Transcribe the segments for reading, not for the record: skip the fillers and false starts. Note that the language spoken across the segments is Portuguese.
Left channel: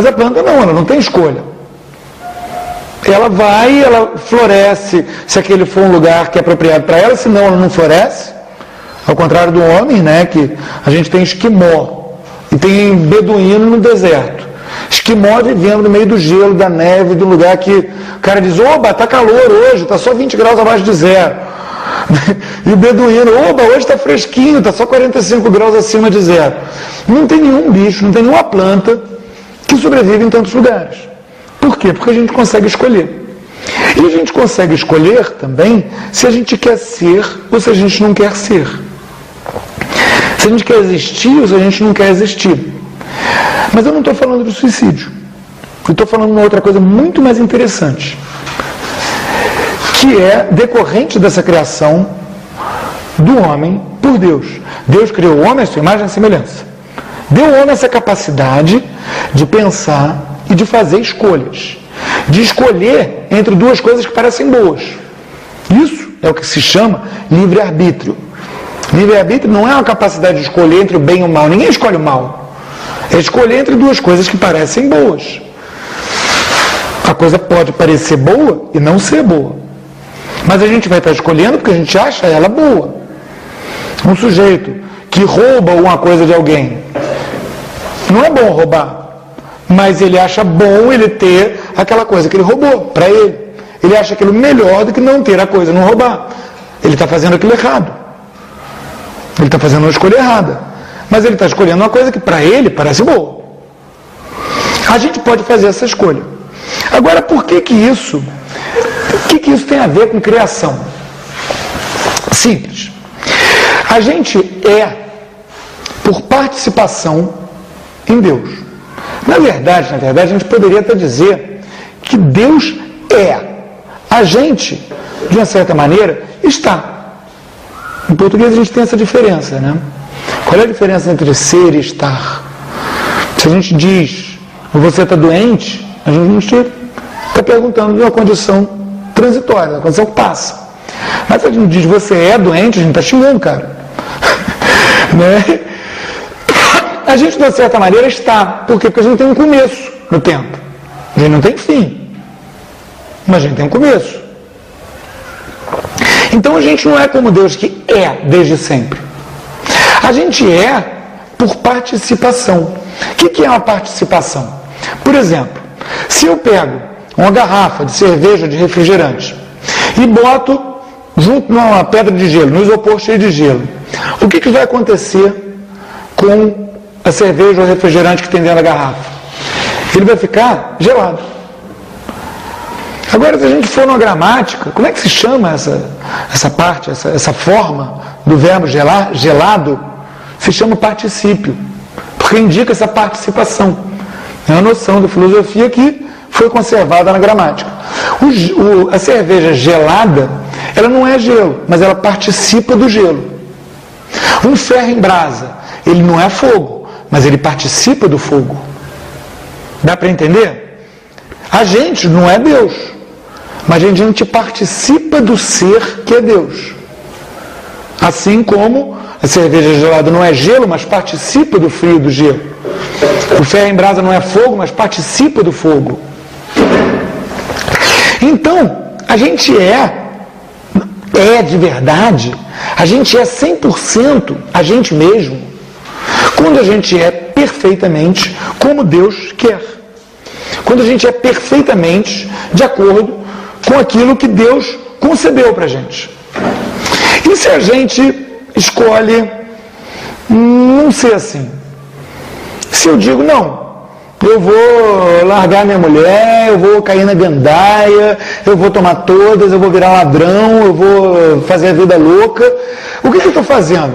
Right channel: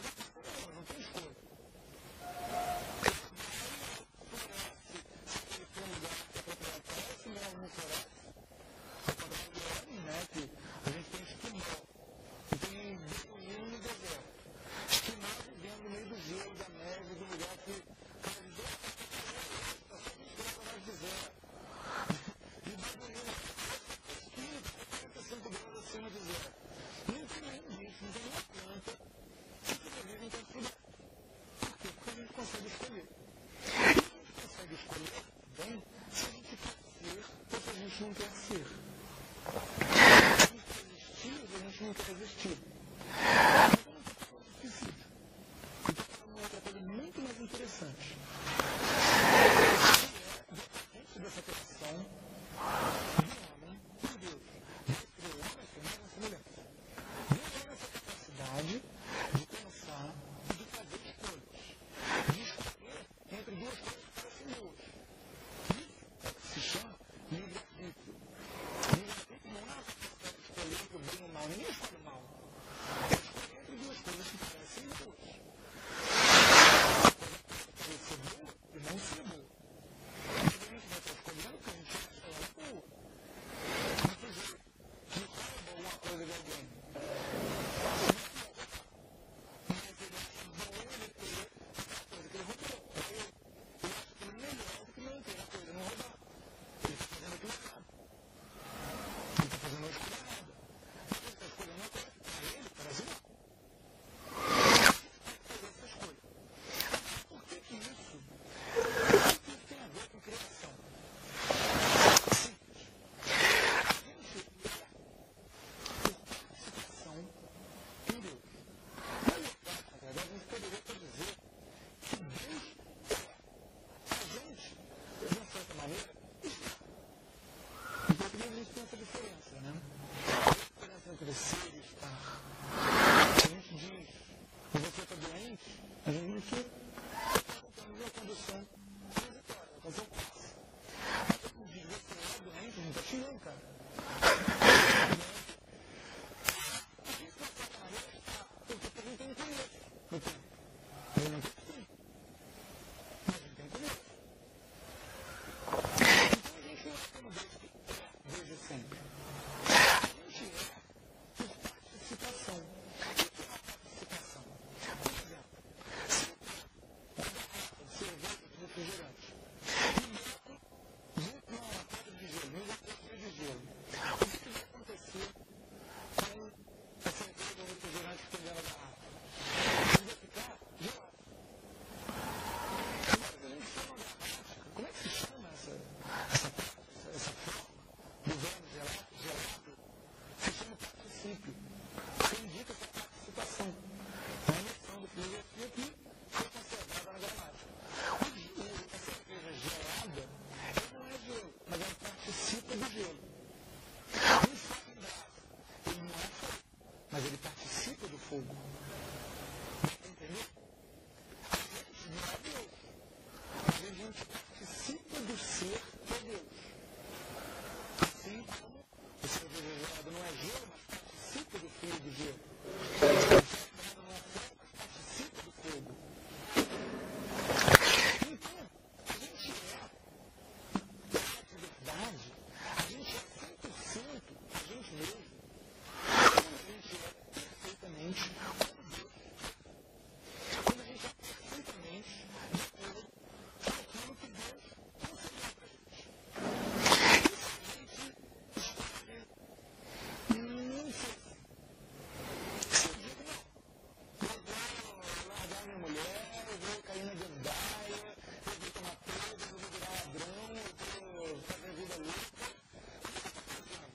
Mas a planta não, ela não tem escolha. Ela vai, ela floresce se aquele for um lugar que é apropriado para ela, senão ela não floresce. Ao contrário do homem, né, que a gente tem esquimó e tem beduíno no deserto. Esquimó vivendo no meio do gelo, da neve, de um lugar que o cara diz, oba, tá calor hoje, tá só 20 graus abaixo de zero. E o beduíno, oba, hoje está fresquinho, está só 45 graus acima de zero. Não tem nenhum bicho, não tem nenhuma planta que sobrevive em tantos lugares. Por quê? Porque a gente consegue escolher. E a gente consegue escolher também se a gente quer ser ou se a gente não quer ser. Se a gente quer existir ou se a gente não quer existir. Mas eu não estou falando do suicídio. Eu estou falando de uma outra coisa muito mais interessante, que é decorrente dessa criação do homem por Deus. Deus criou o homem à sua imagem e semelhança. Deu ao homem essa capacidade de pensar e de fazer escolhas. De escolher entre duas coisas que parecem boas. Isso é o que se chama livre-arbítrio. Livre-arbítrio não é uma capacidade de escolher entre o bem e o mal. Ninguém escolhe o mal. É escolher entre duas coisas que parecem boas. A coisa pode parecer boa e não ser boa. Mas a gente vai estar escolhendo porque a gente acha ela boa. Um sujeito que rouba uma coisa de alguém, não é bom roubar, mas ele acha bom ele ter aquela coisa que ele roubou para ele. Ele acha aquilo melhor do que não ter a coisa, não roubar. Ele está fazendo aquilo errado. Ele está fazendo uma escolha errada. Mas ele está escolhendo uma coisa que para ele parece boa. A gente pode fazer essa escolha. Agora, por que isso? O que isso tem a ver com criação? Simples. A gente é por participação em Deus. Na verdade, a gente poderia até dizer que Deus é. A gente, de uma certa maneira, está. Em português a gente tem essa diferença, né? Qual é a diferença entre ser e estar? Se a gente diz, você está doente, a gente está perguntando de uma condição transitória, uma condição que passa. Mas se a gente diz, você é doente, a gente está xingando, cara. Né? A gente, de uma certa maneira, está. Por quê? Porque a gente tem um começo no tempo. A gente não tem fim. Mas a gente tem um começo. Então a gente não é como Deus que é desde sempre. A gente é por participação. O que é uma participação? Por exemplo, se eu pego uma garrafa de cerveja, de refrigerante, e boto junto numa pedra de gelo, no isopor cheio de gelo, o que vai acontecer com a cerveja ou refrigerante que tem dentro da garrafa? Ele vai ficar gelado. Agora, se a gente for numa gramática, como é que se chama essa parte, essa forma do verbo gelar, gelado? Se chama particípio, porque indica essa participação. É uma noção da filosofia que foi conservada na gramática. A cerveja gelada, ela não é gelo, mas ela participa do gelo. Um ferro em brasa, ele não é fogo, mas ele participa do fogo. Dá para entender? A gente não é Deus, mas a gente participa do ser que é Deus. Assim como a cerveja gelada não é gelo, mas participa do frio do gelo. O ferro em brasa não é fogo, mas participa do fogo. Então, a gente é de verdade, a gente é 100% a gente mesmo, quando a gente é perfeitamente como Deus quer. Quando a gente é perfeitamente de acordo com aquilo que Deus concebeu para a gente. E se a gente escolhe não ser assim? Se eu digo, não, eu vou largar minha mulher, eu vou cair na gandaia, eu vou tomar todas, eu vou virar ladrão, eu vou fazer a vida louca, o que eu estou fazendo?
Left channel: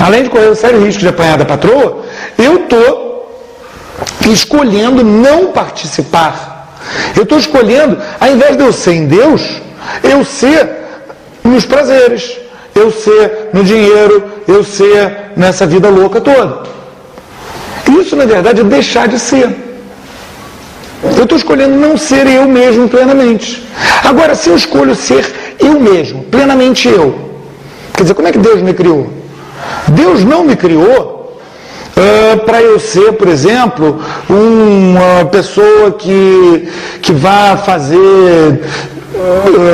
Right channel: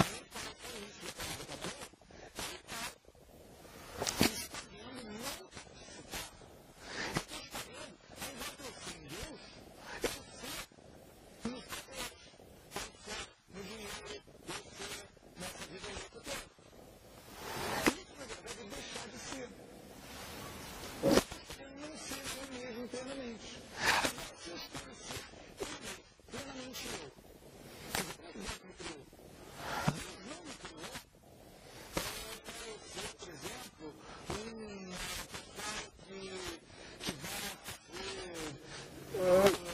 Além de correr o sério risco de apanhar da patroa, eu estou escolhendo não participar. Eu estou escolhendo, ao invés de eu ser em Deus, eu ser nos prazeres, eu ser no dinheiro, eu ser nessa vida louca toda. Isso, na verdade, é deixar de ser. Eu estou escolhendo não ser eu mesmo plenamente. Agora, se eu escolho ser eu mesmo, plenamente eu, quer dizer, como é que Deus me criou? Deus não me criou para eu ser, por exemplo, uma pessoa que vá fazer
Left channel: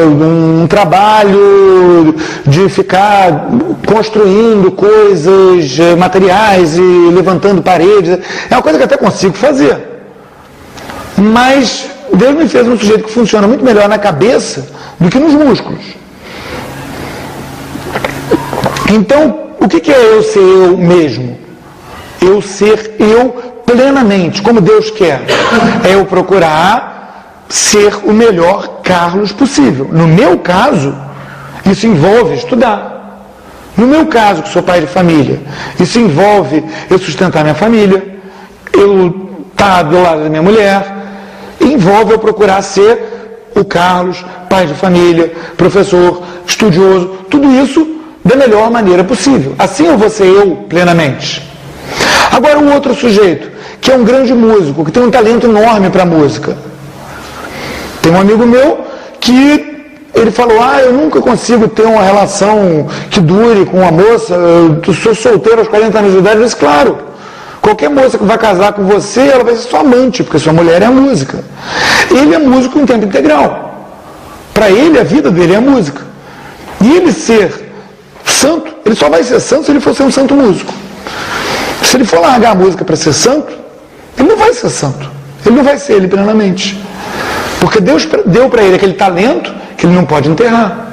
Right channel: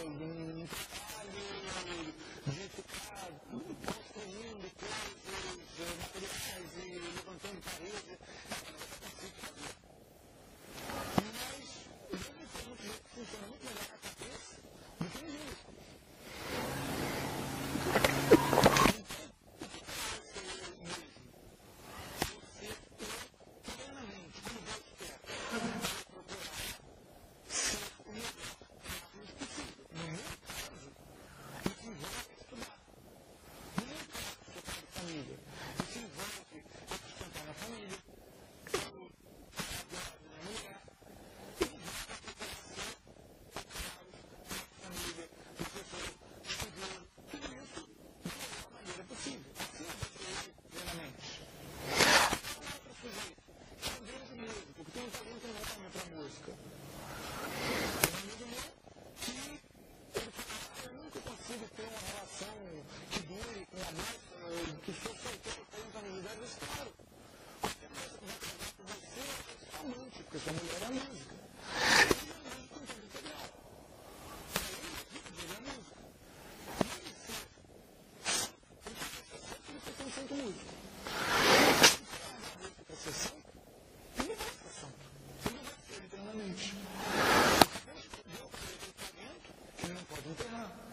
um trabalho de ficar construindo coisas, materiais e levantando paredes. É uma coisa que eu até consigo fazer. Mas Deus me fez um sujeito que funciona muito melhor na cabeça do que nos músculos. Então, o que é eu ser eu mesmo? Eu ser eu plenamente, como Deus quer. É eu procurar ser o melhor Carlos possível. No meu caso, isso envolve estudar. No meu caso, que sou pai de família, isso envolve eu sustentar minha família, eu estar do lado da minha mulher, envolve eu procurar ser o Carlos, pai de família, professor, estudioso, tudo isso da melhor maneira possível. Assim eu vou ser eu plenamente. Agora o outro sujeito, que é um grande músico, que tem um talento enorme para a música. Tem um amigo meu que ele falou, eu nunca consigo ter uma relação que dure com uma moça, eu sou solteiro aos 40 anos de idade. Eu disse, claro, qualquer moça que vai casar com você, ela vai ser sua amante, porque sua mulher é a música. Ele é músico em tempo integral. Para ele, a vida dele é a música. E ele ser santo, ele só vai ser santo se ele for ser um santo músico. Se ele for largar a música para ser santo, ele não vai ser santo. Ele não vai ser ele plenamente. Porque Deus deu para ele aquele talento que ele não pode enterrar.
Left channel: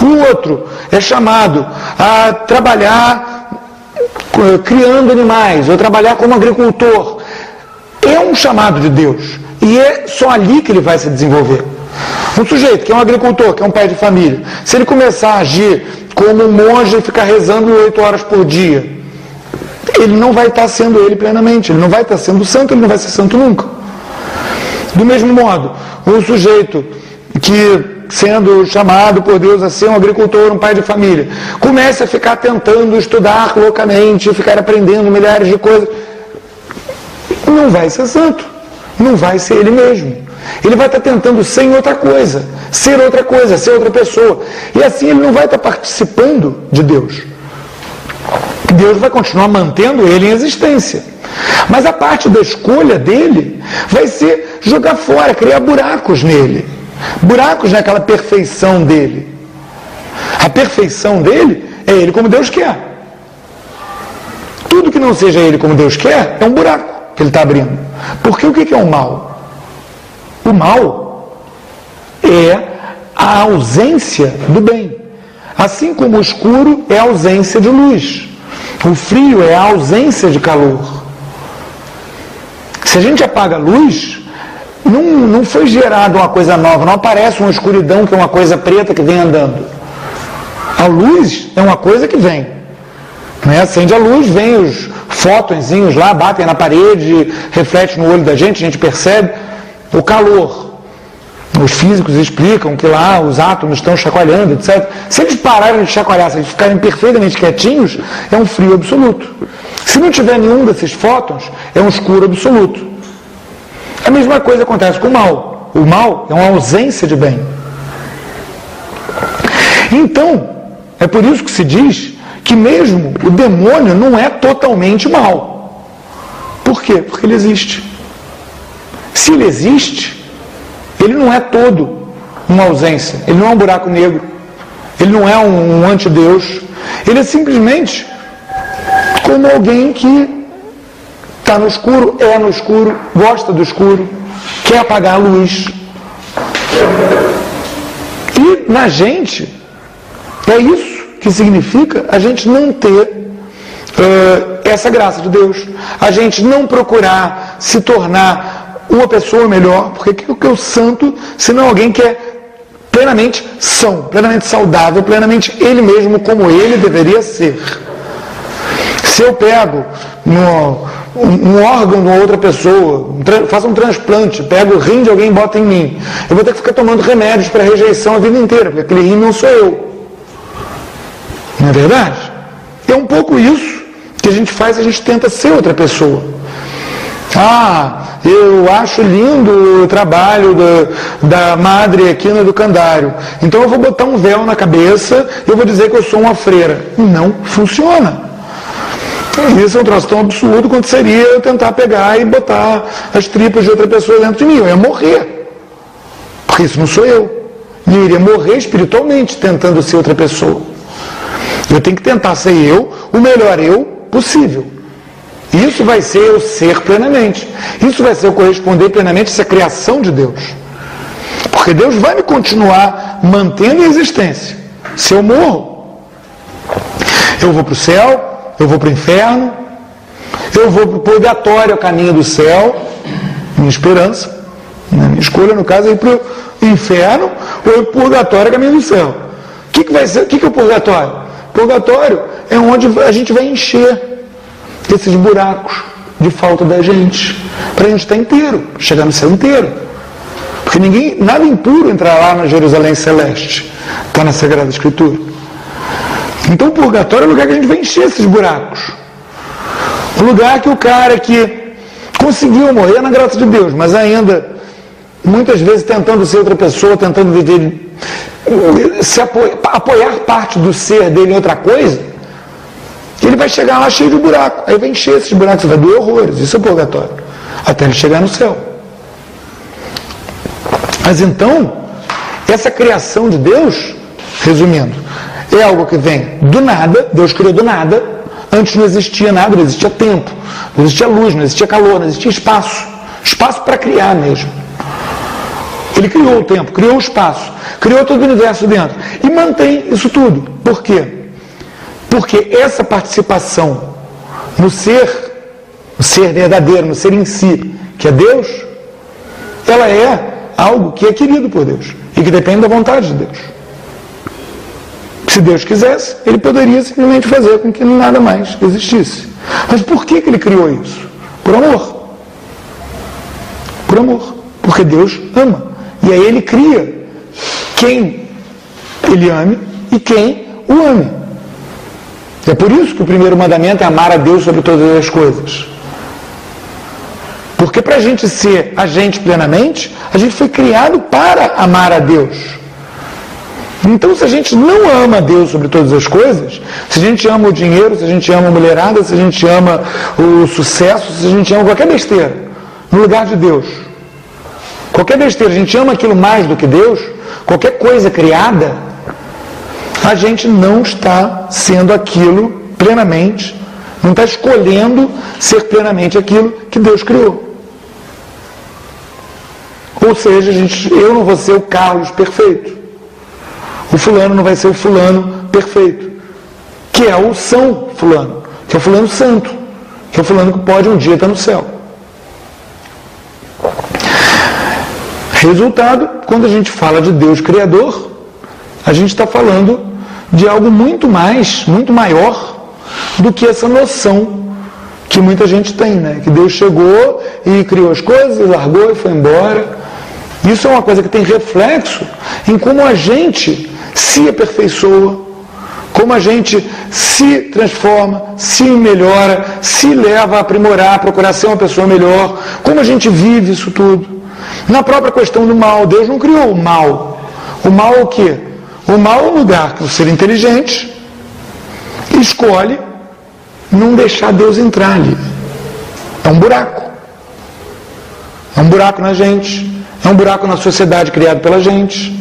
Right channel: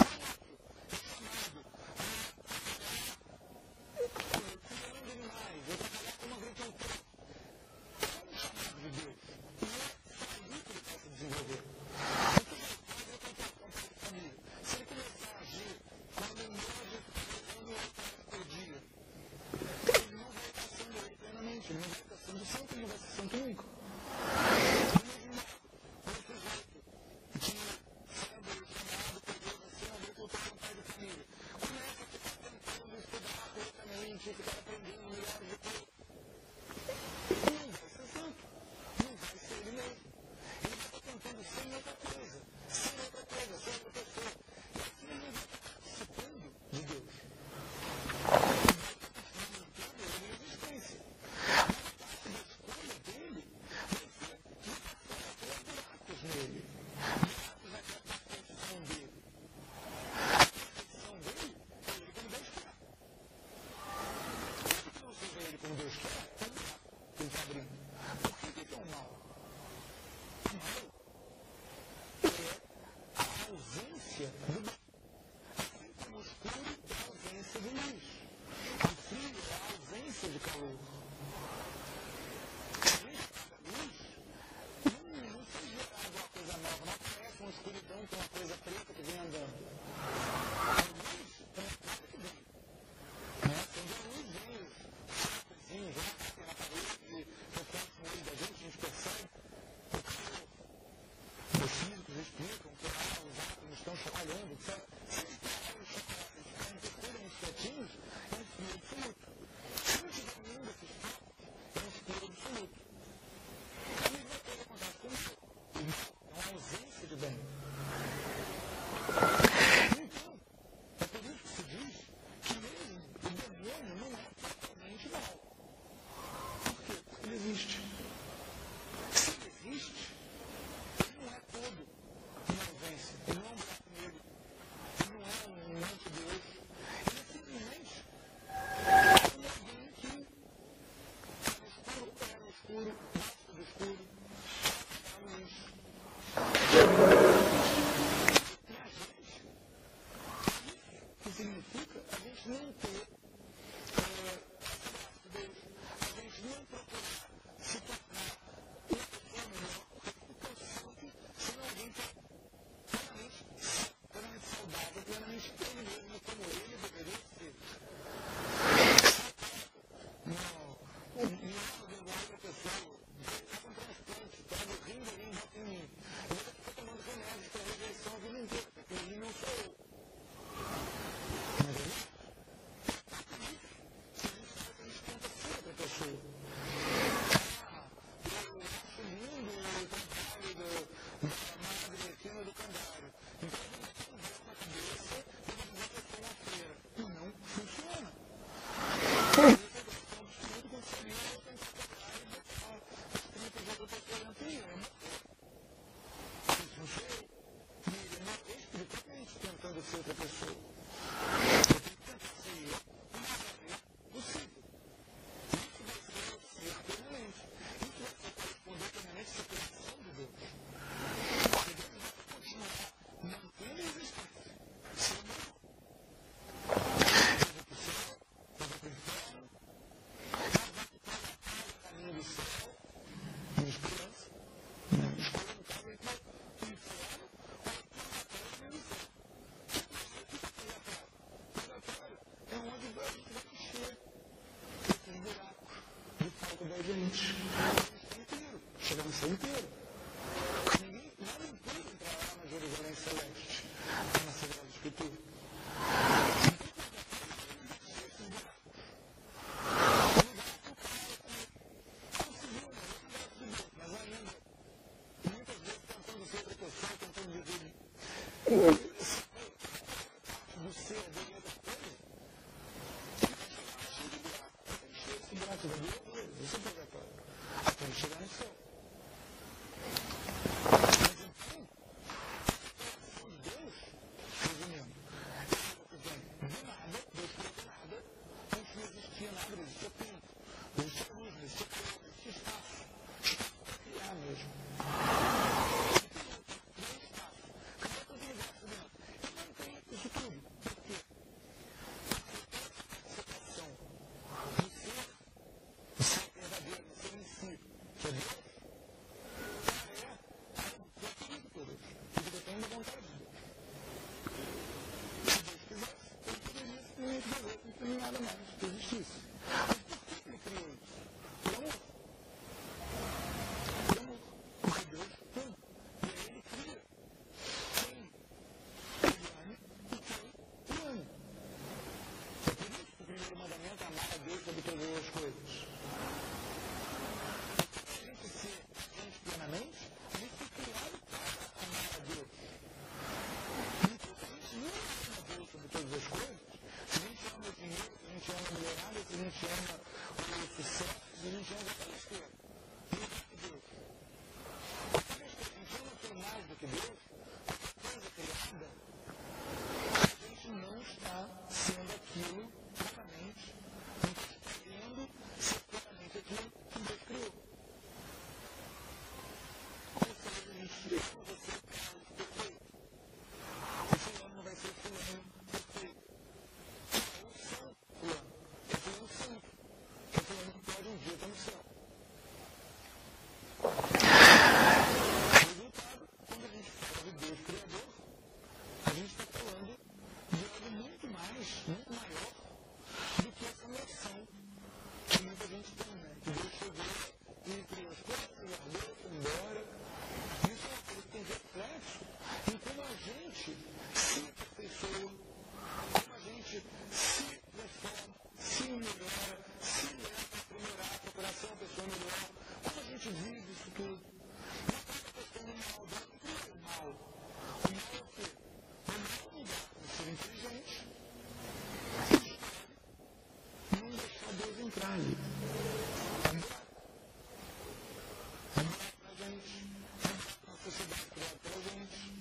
O outro é chamado a trabalhar criando animais, ou trabalhar como agricultor. É um chamado de Deus. E é só ali que ele vai se desenvolver. Um sujeito que é um agricultor, que é um pai de família, se ele começar a agir como um monge e ficar rezando 8 horas por dia, ele não vai estar sendo ele plenamente, ele não vai estar sendo santo, ele não vai ser santo nunca. Do mesmo modo, um sujeito que, sendo chamado por Deus a ser um agricultor, um pai de família, começa a ficar tentando estudar loucamente, ficar aprendendo milhares de coisas, não vai ser santo, não vai ser ele mesmo. Ele vai estar tentando ser outra coisa, ser outra pessoa. E assim ele não vai estar participando de Deus. Deus vai continuar mantendo ele em existência. Mas a parte da escolha dele vai ser jogar fora, criar buracos nele. Buracos naquela perfeição dele. A perfeição dele é ele como Deus quer. Tudo que não seja ele como Deus quer é um buraco que ele está abrindo. Porque o que é o mal? O mal é a ausência do bem. Assim como o escuro é a ausência de luz. O frio é a ausência de calor. Se a gente apaga a luz, não foi gerada uma coisa nova, não aparece uma escuridão que é uma coisa preta que vem andando. A luz é uma coisa que vem. Né? Acende a luz, vem os fótonzinhos lá, batem na parede, reflete no olho da gente, a gente percebe o calor. Os físicos explicam que lá os átomos estão chacoalhando, etc. Se eles pararem de chacoalhar, se eles ficarem perfeitamente quietinhos, é um frio absoluto. Se não tiver nenhum desses fótons, é um escuro absoluto. A mesma coisa acontece com o mal. O mal é uma ausência de bem. Então, é por isso que se diz que mesmo o demônio não é totalmente mal. Por quê? Porque ele existe. Se ele existe, ele não é todo uma ausência. Ele não é um buraco negro. Ele não é um antideus. Ele é simplesmente como alguém que está no escuro, é no escuro, gosta do escuro, quer apagar a luz. E na gente, é isso que significa a gente não ter essa graça de Deus. A gente não procurar se tornar uma pessoa melhor, porque o que é o santo, senão alguém que é plenamente são, plenamente saudável, plenamente ele mesmo como ele deveria ser. Se eu pego um órgão de uma outra pessoa, faço um transplante, pego o rim de alguém e boto em mim, eu vou ter que ficar tomando remédios para rejeição a vida inteira, porque aquele rim não sou eu. Não é verdade? É um pouco isso que a gente faz, a gente tenta ser outra pessoa. Eu acho lindo o trabalho da madre aqui no educandário, então eu vou botar um véu na cabeça e eu vou dizer que eu sou uma freira. Não funciona. Isso é um troço tão absurdo quanto seria eu tentar pegar e botar as tripas de outra pessoa dentro de mim. Eu ia morrer. Porque isso não sou eu. E eu iria morrer espiritualmente tentando ser outra pessoa. Eu tenho que tentar ser eu, o melhor eu possível. Isso vai ser eu ser plenamente. Isso vai ser eu corresponder plenamente a essa criação de Deus. Porque Deus vai me continuar mantendo em existência. Se eu morro, eu vou para o céu, eu vou para o inferno, eu vou para o purgatório, a caminho do céu, minha esperança. Minha escolha, no caso, é ir para o inferno ou ir para o purgatório, a caminho do céu. O que vai ser? O que é o purgatório? O purgatório é onde a gente vai encher esses buracos de falta da gente, para a gente estar inteiro, chegar no céu inteiro. Porque nada impuro entrar lá na Jerusalém Celeste, está na Sagrada Escritura. Então o purgatório é o lugar que a gente vai encher esses buracos. O lugar que o cara que conseguiu morrer na graça de Deus, mas ainda, muitas vezes tentando ser outra pessoa, tentando viver, apoiar parte do ser dele em outra coisa, ele vai chegar lá cheio de buraco. Aí vai encher esses buracos, vai doer horrores. Isso é o purgatório. Até ele chegar no céu. Mas então, essa criação de Deus, resumindo, é algo que vem do nada. Deus criou do nada. Antes não existia nada, não existia tempo, não existia luz, não existia calor, não existia espaço. Espaço para criar mesmo. Ele criou o tempo, criou o espaço, criou todo o universo dentro. E mantém isso tudo. Por quê? Porque essa participação no ser verdadeiro, no ser em si, que é Deus, ela é algo que é querido por Deus e que depende da vontade de Deus. Se Deus quisesse, ele poderia simplesmente fazer com que nada mais existisse. Mas por que ele criou isso? Por amor. Por amor. Porque Deus ama. E aí ele cria quem ele ame e quem o ame. É por isso que o primeiro mandamento é amar a Deus sobre todas as coisas. Porque para a gente ser a gente plenamente, a gente foi criado para amar a Deus. Então, se a gente não ama a Deus sobre todas as coisas, se a gente ama o dinheiro, se a gente ama a mulherada, se a gente ama o sucesso, se a gente ama qualquer besteira, no lugar de Deus, qualquer besteira, a gente ama aquilo mais do que Deus, qualquer coisa criada, a gente não está sendo aquilo plenamente, não está escolhendo ser plenamente aquilo que Deus criou. Ou seja, eu não vou ser o Carlos perfeito. O fulano não vai ser o fulano perfeito. Que é o São Fulano, que é o fulano santo, que é o fulano que pode um dia estar no céu. Resultado, quando a gente fala de Deus Criador, a gente está falando de algo muito maior do que essa noção que muita gente tem, né? Que Deus chegou e criou as coisas, e largou e foi embora. Isso é uma coisa que tem reflexo em como a gente se aperfeiçoa, como a gente se transforma, se melhora, se leva a aprimorar, a procurar ser uma pessoa melhor, como a gente vive isso tudo. Na própria questão do mal, Deus não criou o mal. O mal é o quê? O mal é um lugar que o ser inteligente escolhe não deixar Deus entrar ali. É um buraco. É um buraco na gente. É um buraco na sociedade criado pela gente.